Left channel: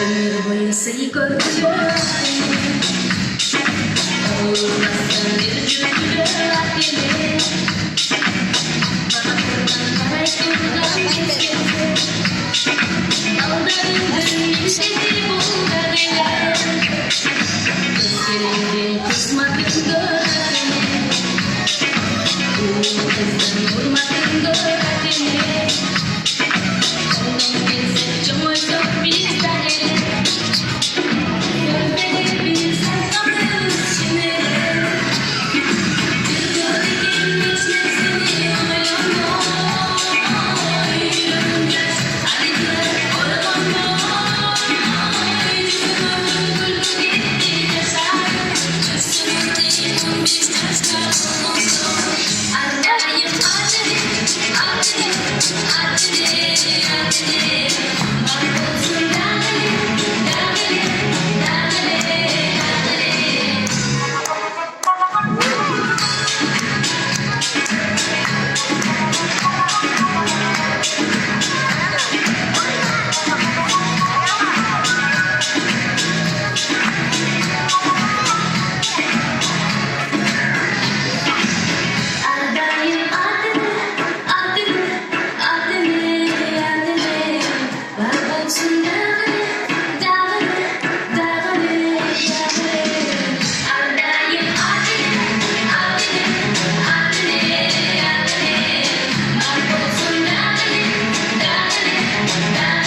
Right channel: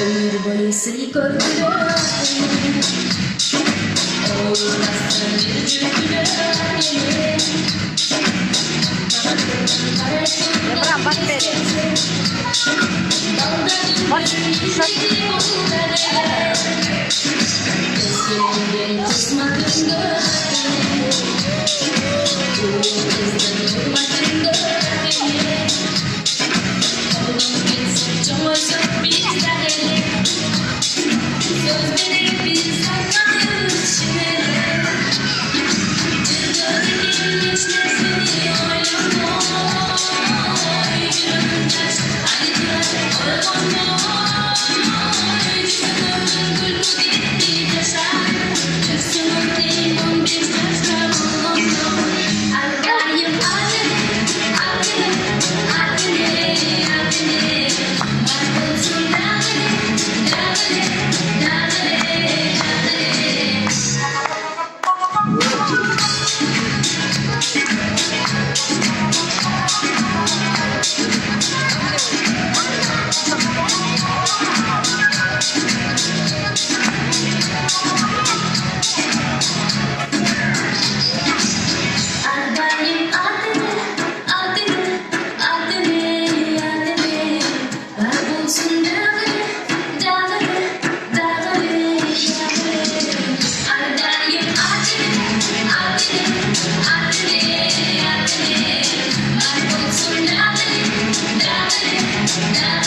Ömür boyu seni göreceğim. Olmazsa bir cümle gelir. Gözlerimden kısmadın gör beni. Gözden vurmadın gör beni. Çok çok bizden. Gözlerim bir saklan içine. Gözlerim içmesini oynama. Yüzüm yaş, hadi oynama. Yüzümün gülü gitti yaşar. Yüzümün dilim bir taşlar olsun. Ardayım adını, adını, adını, adını. Varolsun dadını, dadını, dadını, ardayım adını, adını, adını, adını. Varolsun dadını, dadını, dadını, dadını. Ardayım adını, adını, adını, adını. Varolsun dadını, dadını, dadını.